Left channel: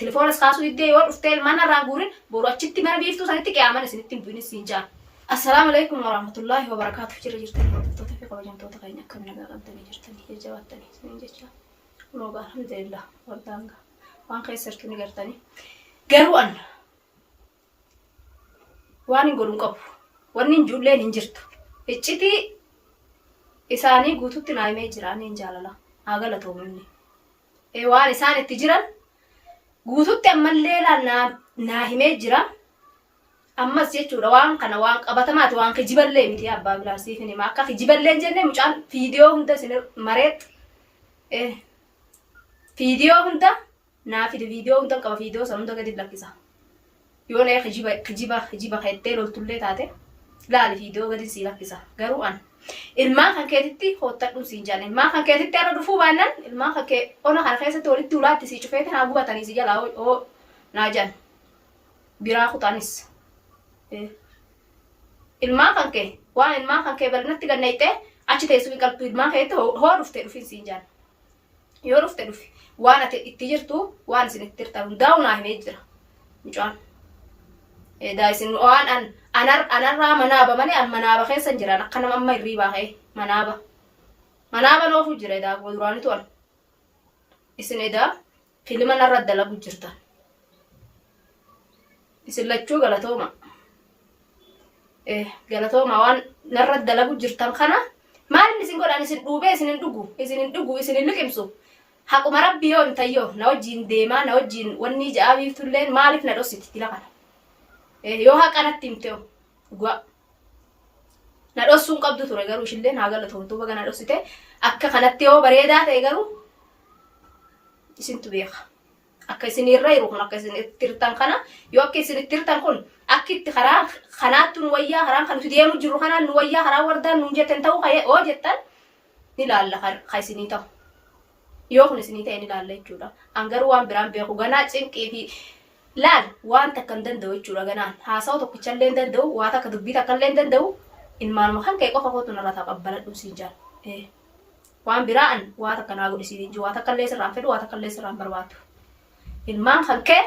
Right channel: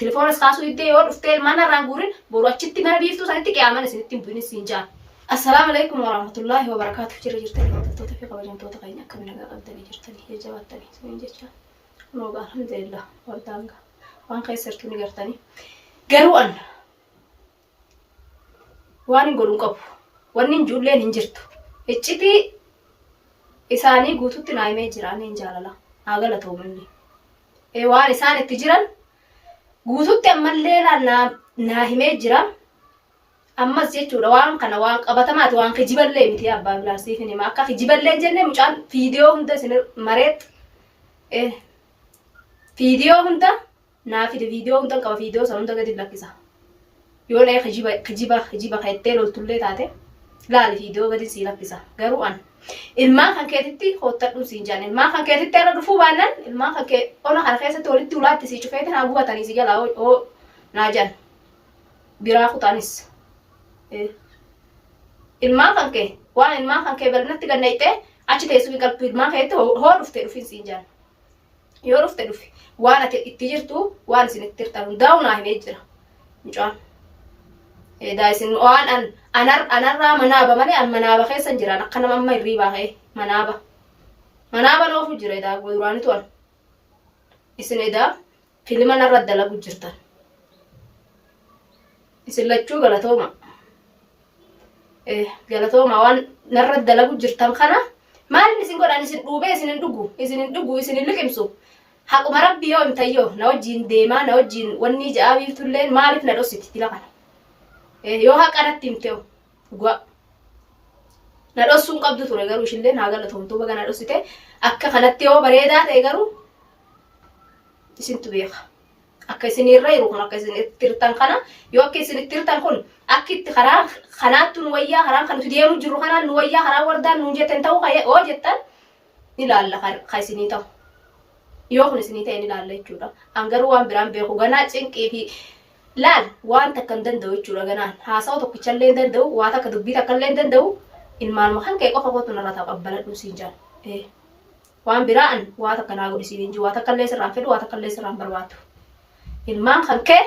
telefoona iskaasu iddee yoo dhuftee ilmaan irraan guurin boru achitti mana biiftuu sanitti qiyaaman isinitti hin bu'in siin jaan. Assalaamu alaykum warahmatullahi wabarakaatuh. Jirtanii hordoftoota fi kabajamtoota keenya akka nagaa qabdanii jirtanii jajjabaatanii isiniin jecha. Noogaa alhamdulillah waldanga waan keessattuu ni gartanii. Garuu an waan hin godhuun qabu. Wanni hin juulleen hin jirtu. Iccitii isaanii guututti naayimee jiraan hin jaalala. Haa galatoominni. Waan isaan itti jiran guututti ammallee naa himee jira. Ammas jechuudha waan kana waan qabatamaati waan kijiballee miti abbaa bilaasiif hima akka kijiballee jennee mucaan viidiyoo hunda isin mareet viidiyoo hunda naaf viidiyoo hunda qaba viidiyoo san hunda gadi lakkisa yoo nee kijiba kaittee loltullee taate laali viidiyoo gadi sii lakkisa garuu an ilmaan kan keetitti hottadhu siin jaan ilmaan kan keetitti irra dhufuu baannan ilmaan kan kee ona kana keessatti walitti ulaatti sii cufeetin haa bugatanii si jalaa oo naa jaan biraa kutaanis ilmaan kan kee waan ilmaan kan kee bal'inatti gannaytee achi teessuu qalbii ilmaan keetti hoo dhuftee dhufin siin jaan yoo dhufte dhufi waan ati itti jirtu waan isin itti hirtan hundaa'u naa himee jira mucaan daa'isin waan anarraa manaaba malee an manaaba keessan jiraan akka nama amma hirriibaa ka'e manaaba noofu jira edaa duraanitu an isin edaa filima narra dalagu jirtan isin lachuu galatooma galatooma waan narra dalagu jirtan kana maalin isin godhan isin dhuubee isin hin dhugu isin hin liqimsu haquma rabbii yoo himtayyoo na wajjiin deemaa na wajjiin wanni ja'aabiiftulleen maaliif na dhossiti tila kana yoo haqanatti himtee dhugaa na dhossuun qabdu ture garuu ishillee naa galatoomtuu baga na dhossite akka kanatti yoo bareedaa ta'e garuu isintu beeka akka isin irra jiru kun akka isin itti hirtan kana yoo akka isin itti hirtan kun akka itti karaa kanaattu nu wayyaa karaan kan nuti deemu jirru kanaan nu wayyaa karaa wardaan nu jettan ta'uu ka'ee oo jettan ni laalla ka isinii ta'u yoo kun isinii ta'e ni laalla jechuudha an garuu waan biraan beeku ganaa cinqii fi laal waan takka hin danda'u jechuudha ganaan haasa'u tokkichallee hin danda'u waa takka dubbii takkallee hin danda'u ilmaanuma kan ka'e qofa kootu narra taqabbaladhu siin jaan waan biraan waa takka naa godhisiin hin jiru waa takkallee sirraan fedhu waa takkallee sirraan barbaadu ilmaan kan kee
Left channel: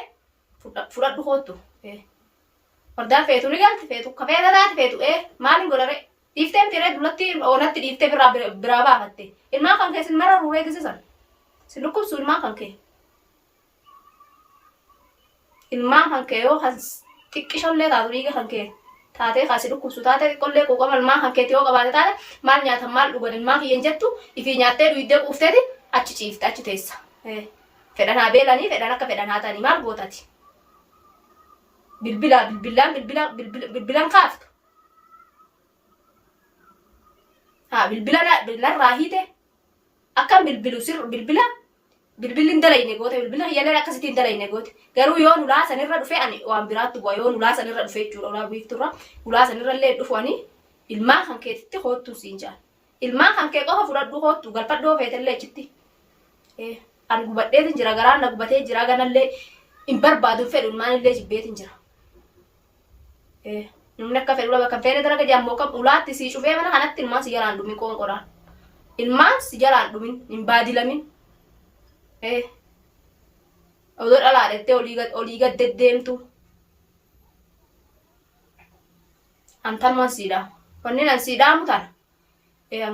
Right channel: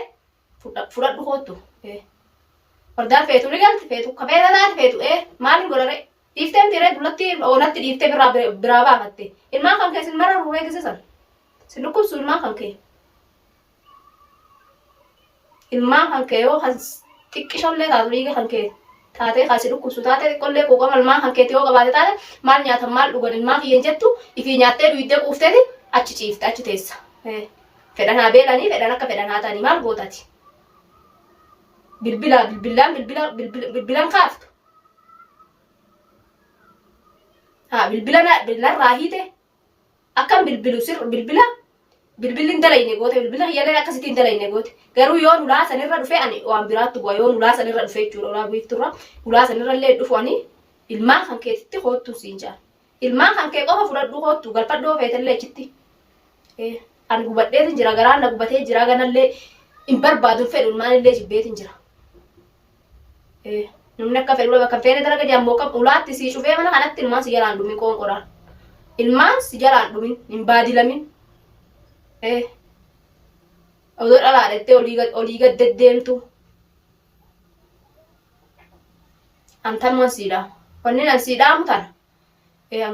fudhadhu kootu wardaan feetu ni galti feetu kafeeta taate feetu maalin godhare dhiiftee mitiiree dullatti oolatti dhiiftee biraa baafatte ilmaan kan kee sin mara ruuree gisisan sin dhukkubsu ilmaan kan kee ilmaan kan kee yoo kan xiqqishollee taatu dhiiga kan kee taatee kan si dhukkubsu taate xiqqollee quuqama ilmaan kan keetti yoo qabaate taate maal nyaatan maal dhugan ilmaan kiyyan jettu ifii nyaattee dhuyiddee quufteeti achi ciifte achi teessa fedhan haa beelanii fedhan akka fedhan haa ta'anii maal gootati bilbilaan kaaftu bilbilaan raahite akkam bilbilu sir bilbilin dalayne goote bilbila hiyyaleen akkasitiin dalayne goote garuu yoo nulaa sanirra dhufe ani waan biraatti bu'a yoo nulaa sanirra dhufe jechuudha ulaa biifturra ulaa sanirra illee dhufu ani ilmaan kan keetitti hoottu siin jaan ilmaan kan kee qofa fudhadhu hoottu galfadhoo feetellee achitti an gubadheetin jira garaan na gubatee jira ganallee hin barbaadu fedhu ilmaan illee jibbeetin jira namni akka fedhu bakka feene dalaga jammoo kam ulaatti si cufee mana kanatti ilmaan si jalaan dhumin qoonqodhaan ilmaan si jalaan dhumin hin baadilamin odoo dhalaadhattee olii gad deddeemtu antan man siidhaa wanni nan siidhaamu tana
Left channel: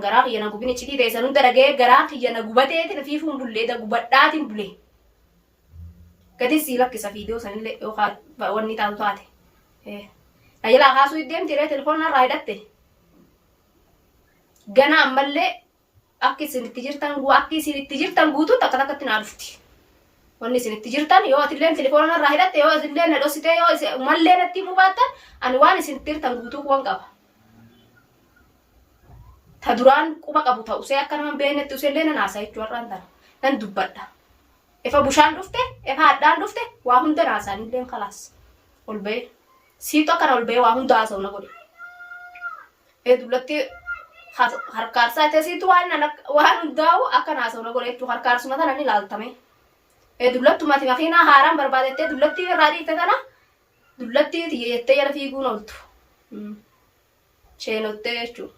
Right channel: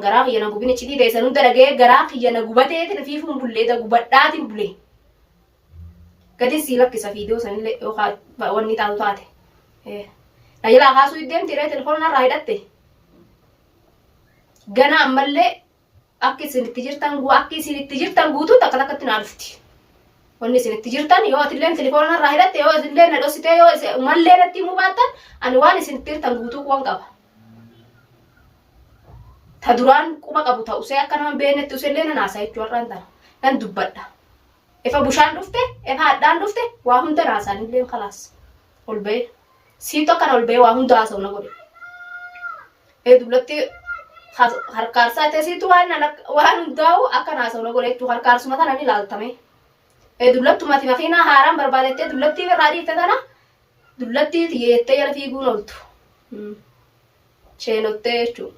garaa kiyya na gubin iccitii teessan hunda dhagee garaa kiyya na gubateetin fiifuun bullee da gubadhaatiin bulee gadi sii lakkisa viidiyoo sanillee yookaan wanni taatu taate na jalaa kaasuu iddeemti irree telefoona irraa hidhatte gana ammallee akka isin itti jirtan guutuutti akka takkatti naa dhufti wanni isin itti jirtan yoo atilleen telefoona irraa hidhatte yoo isillee na dhossitee yoo mallee natti himuu baattan ani waan isin itti jirtan guutuu kuwan qaba ta duraan quba qabu ta'usee akka nama beenetti usellee nan haasaa jechuu har'aan tana nan dubbadha efa bushaan dhufte efa hadhaan dhufte waa hunda naasaanillee khalaas ol ba'e siitu akkana ol ba'e waa hunda haasa'u na godhe dullatti harkaarsaa ta'e siitu waan hundaa'u akka haasa'u na godhe jechuu harkaarsuma tana ni ilaaltame dullattumati makiinaa haaraan barbaadettee dullattii irraa dhiifte tana dullattii xiyyeettee jala fiiguun ooltu sheenottee jechuudha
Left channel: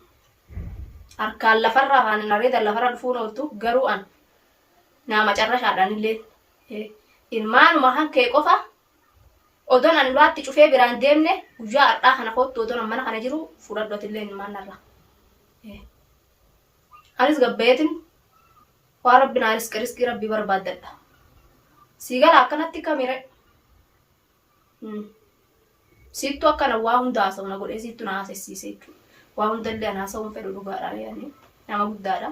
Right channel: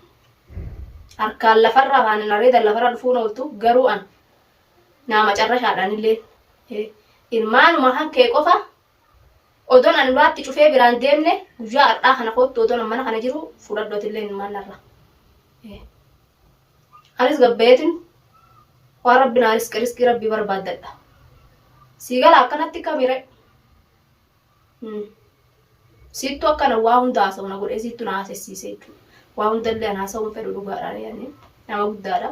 harkaan lafarra afaan areeda lafarra dhufuun ooltu garuu an nama carrashaadhaan illee ilmaanuma kan kee qofa odon an ulaatti cufee biraan deemne guyyaa har'aa kana kottu odon mana kana jiru fudhadhootillee ilmaan narra. Anis gabbeetin waan rabbiin anis riskii rabbii barbaaddadha. Siigala akkanatti kamire. Sittu akkana waa hunda haasa'u na godhee sittu na haasessiise jechuudha. Waa hundallee an haasa'uun fedhu dhugaadhaan yaani nama guddaadha.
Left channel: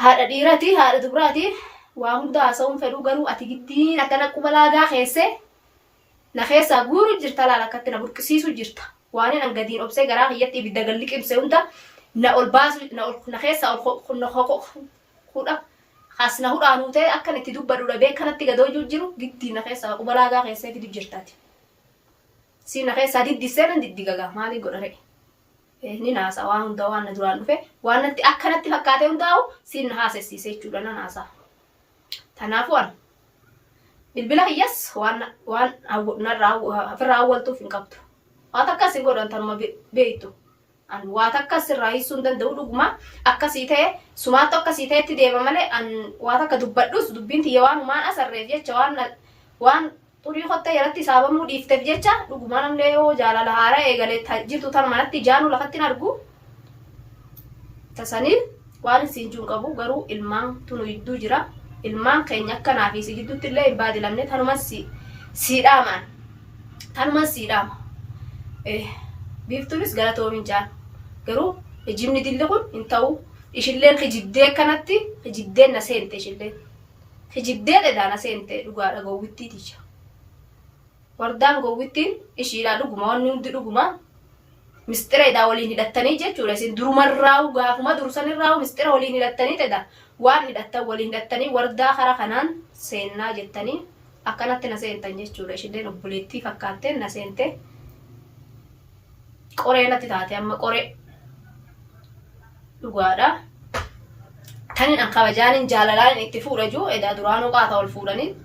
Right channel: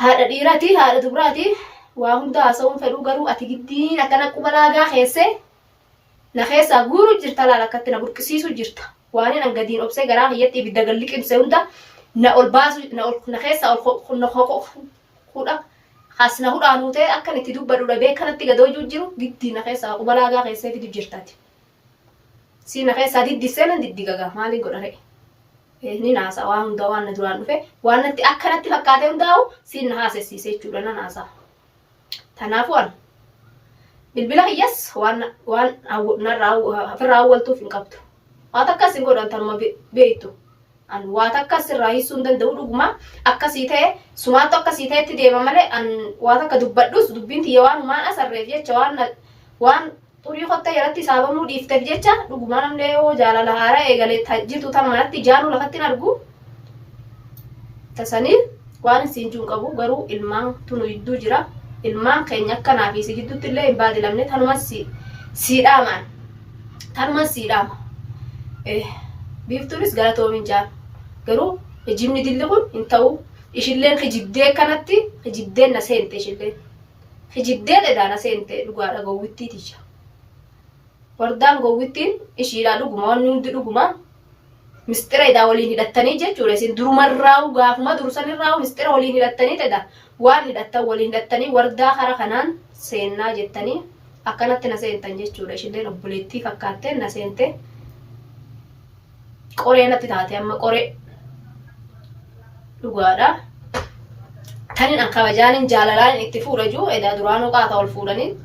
Haadha dhiiraati haadha dubaraati waa hunda haasa'uun fedhu garuu ati giddiin akkana quba laagaa keessee na keessaa guuru jirta laala akkatti na burqisiisu jirta. Waan an gadiin obsee garaa kiyyatti ibidda galli qimsee hunda na ol baasu na keessaa ol kudha hasna hudhaanuu ta'e akkan itti dubbadhuudha beekanatti gadoo jiru giddiin na keessaa quba laagaa keessee fidu jirtaati. Si na keessaa diddisee nan diddigagaa maaliin godhare. Ni naasa waan hunda waan na duraan dhufe waan natti akkanatti fakkaatee hundaa'u si na haasessiisee jechuudha na naasa. Kanaafuu an bilbila kiyyas waan narraa ofirraa awwaltuuf hin qabdu. Waan akkas hin godhan tanuma beektu. An waan akkas irraa hiisuu hin danda'u dhuguma akkasii ta'e sumaattu akkasii ta'etti deema malee an waan akka dubbadhus dubbiin tiyya waan humaan asarreef jecha waan xurii kotta jalatti saabamuu dhiifteef jecha dhuguma namni yoo jaalala haaraa eegalee jirtu tan manatti jaanu lafatti hin argu. Tasaniif waan isin jiru qabu garuu ilmaan tunu jidduu jira. Ilmaan keenya akkanaa fi si gidduutti illee hin baadilamne tanumas siidhaamaan tanumas siidhaama. Biiftuunis galatoomin jaan garuu hijibni dilli kun hin ta'u ishilleen hijiddee kanatti hijiddeen na seente ishilleen hijiddee dhedhaa na seente dhugaadha gowwittiiticha. Wardaan gowwittiin ishiidhaa dhuguma wanni hundi dhuguma mistira idhaa waliin hidhattanii jechuudha. Isin durumarraa'u gaafuma dursanirraa'u mistira waliin hidhattanii tedha waan hidhattan waliin hidhattanii wardaa kara kanaan seennaa jettanii akkanatti na seentan jechuudha. Ishilleen obboleettii fakkaattee na seente qoree natti taate amma qoree dhugaadha. Tanin an kabajaanin jaalalaan itti fuudha jiru edaa duraanuu qaata ol fuudhanii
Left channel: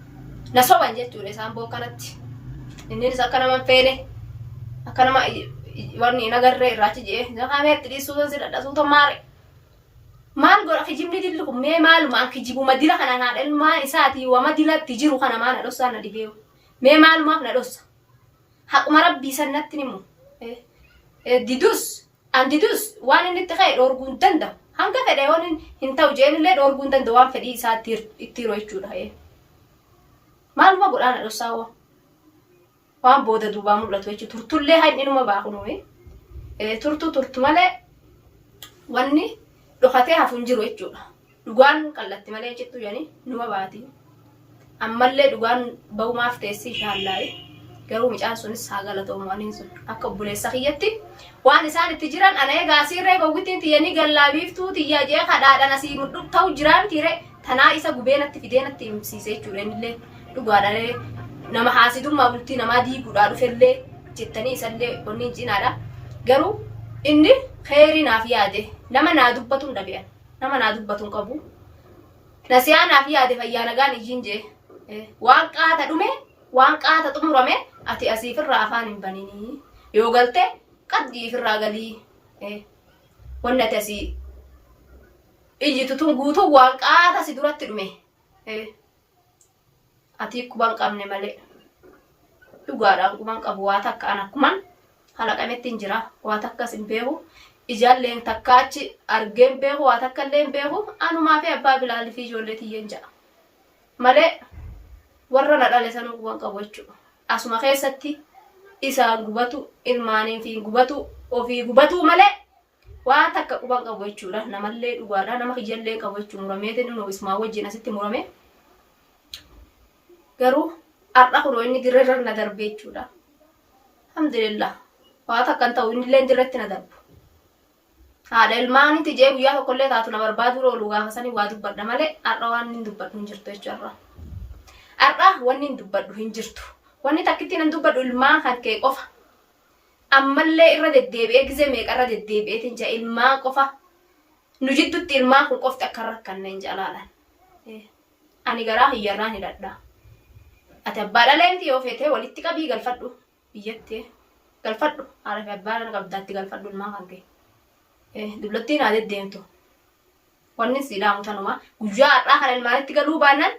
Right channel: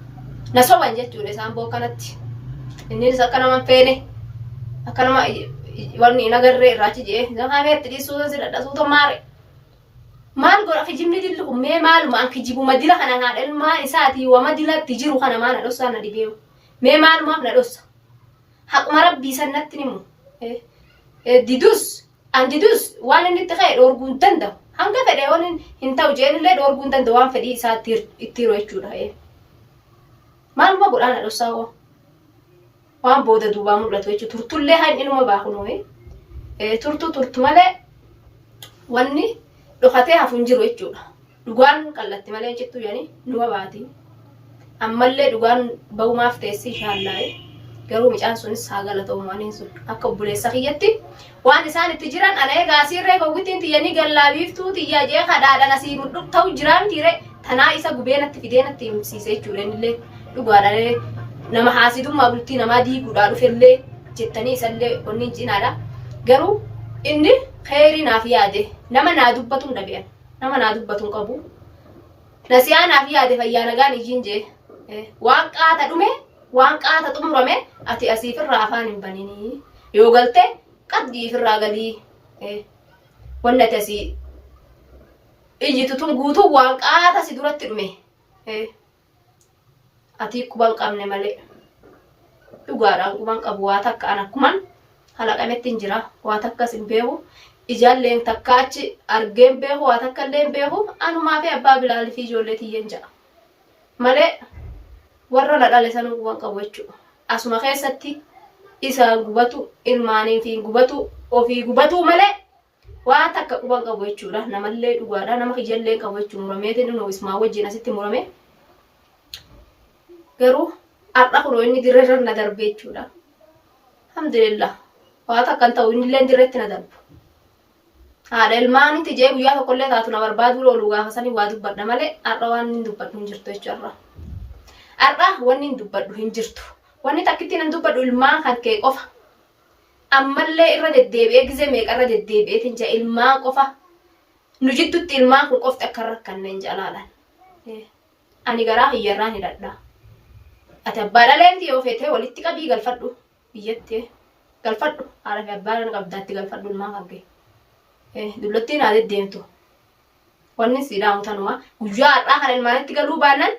na soban jechuudha isaan bookanatti. Innis akka nama feene akka nama wanni nagarree irraachi jee naqaameetti dhiisuutan si dhadhasuuta maare. Maal godha kijibni dilli kun mee maaluma an kijibuma dila kana haadha ilmaa isaatii wama dilatti jiru kana maa na dhossaa na dhibeewu. Mee maalumaaf na dhossa. Haquma rabbii sannatti nimu. Didus waan inni itti ka'e dhoorguu hin danda'u. Hanga fedhe waan hin ta'u jeenillee dhoorguu hin danda'u waan fedhii isaa itti yeroo jechuudha. Maaluma godhaa na dhossaa hoo. Waan booda duubaa mul'atu jechuudha. Turtullee haa inni numa baakunuu. Turtu malee wanni dhokatee hafu hin jiru jechuudha. Dhugaan qallatti malee jechuu yaani numa baati. Ammallee dhugaan ba'umaaf teessii ishaallaa'e. Garuu micaan sunis haa galatoomu waan hin sun akka obboleessa kiyyatti waan isaan itti jiran ana egaa asirree gowwittiin tiyyanii gallaabiiftuu tiyyaa jee kadhaadhaan asii mudhu ta'u jiraan tiire tanaa isa gubeenatti fideenatti himsiise jechuudha. Innillee dhugaadhaan nama haasidummaa bultii namaa diiguudhaa dhufellee jettanii isallee wanni cinaadha. Garuu inni kheyrii naaf yaade nama naa dubbatu hin dhabe'an nama naa dubbatu hin qabu. Nasiyaa naaf yaade fayyaa nagaan ijiin jee waan qaata dhume waan qaata xumurame ati asiifirraa afaan hin banini yoo galte qaddiifirraa galii wanni ati asii ijjitutun guutuu waan qaata si duratti dhume ati quban qabne malee dhugaadhaan quban qabu waa takka an akkuman halaqametti hin jira waa takkas hin beeku ijaalleen takka achi argeen beeku waa takka illee hin beeku anumaa fi abbaa bilaalii fi ijoollee tiyyen ja'a malee warra na dhale sanuu quban qabu jechuudha. Asuma keessatti isaan gubatu ilmaanii fi gubatu ofii gubatu malee waa takka quban qabu jechuudha. Namallee dhugaadha nama kijallee qabu jechuudha. Murameetiin inni ismaa wajjin asitti murame. Garuu har'a kunoo inni dirreerra na darbe jechuudha. Alhamdulillah waa takka hin ta'u innillee dirreetti na darbu. Haadha ilmaanitti jee guyyaa tokkollee taatu na barbaadu ooluu gaafa sanii waa dubbadha malee har'a waan hin dubbadhu hin jirtu jechuudha. Har'a wanni hin dubbadhu hin jirtu. Wanni takkitti nan dubbadhu ilmaan kan kee qofa. Ammallee irra deddeebi'ee gizee meeqa irra deddeebi'eetiin jaa ilmaan qofa. Nu jidduutti ilmaan kun qofti akka rakkanne hin jaalaalaan. Ani garaa hiyyarraan hidhadha. Ati abbaa dhaleentii yoo feetee walitti qabii galfadhu biyyatti galfadhu haadha fi abbaa qabdaatti galfadhu ilmaan kan kee. Dullottiin haa deddeemtu. Wanni si dhaamu tanuma guyyaa har'aa kan ilmaanitti galuu baannan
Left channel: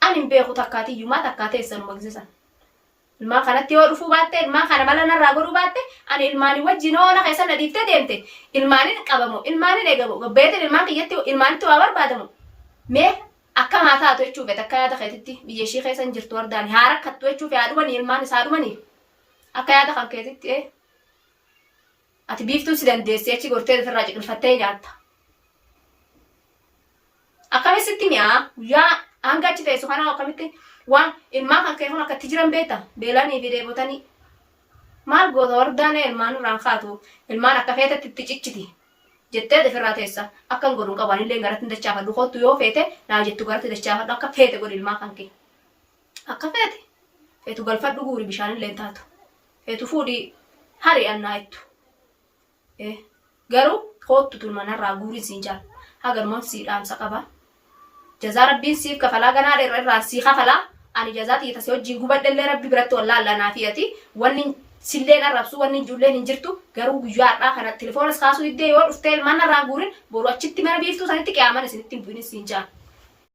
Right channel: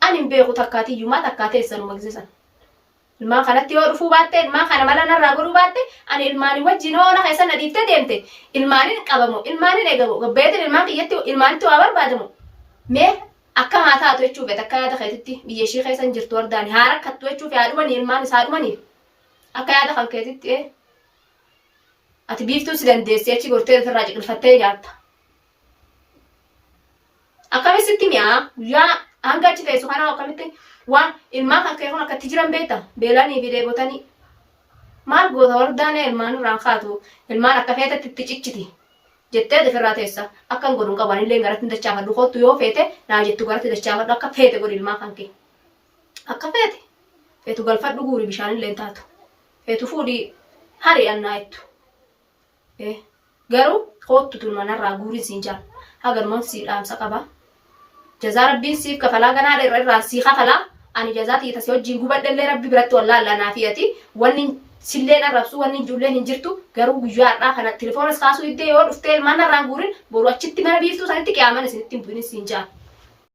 Ani hin beeku takkaati yumaa takkaatee sanuma gisisan. Ilmaan kanatti yoo dhufuu baatte ilmaan kana mala narraa godhuu baatte ani ilmaanii wajjin oona keessa na dhiiftee deemte ilmaaniin qabamu ilmaaniin eegamu gabbeetiin ilmaan kiyyatti ilmaanitti waa barbaadamu mee akka maataa haa jechuuf akka yaada keetitti biyya ishii keessa hin jirtu wardaani haa rakkattu jechuuf yaadumanii ilmaan isaa dhumanii akka yaada kan keetitti ati biiftuu si dandeessee achi gortee ofirraa ciqilfattee nyaatta. Akkamitti mi'aa guyyaa hanga achi teessu kanaa akkamitti waan ilmaa kan kee kun akkatti jiran beekta beelanii fi deebotanii maal goota wardaan ilmaan irraan kaatu ilmaan akka feetetti itti cicciti jettee ofirraa teessa akka hin godhuun qabaan illee garatti dachaafadhu kottu yoo feete naa jettu garatti dachaafadhu akka feete godhi ilmaa kan kee akka feetu galfadhu guuri bishaan illee taatu feetu fuudhii hari'annaa jettu garuu kottu tulmanarraa guuriin siin jaal hagarmoon sii dhaamsa qaba. Jazaa rabbiin siif kafalaa ganaa irraan sii kafalaa ani jazaa tiitas wajjin gubadhallee rabbi biratti wallaallanaa fi'ati wanni silleen arrabsu wanni ijoolleen hin jirtu garuu guyyaa har'aa kana tilefoonas kaasuu iddee yoo dhuftee ilmaan narraan guurin boru achitti mana biiftuu sanitti qiyaaman isinitti hin bu'in siin jaa.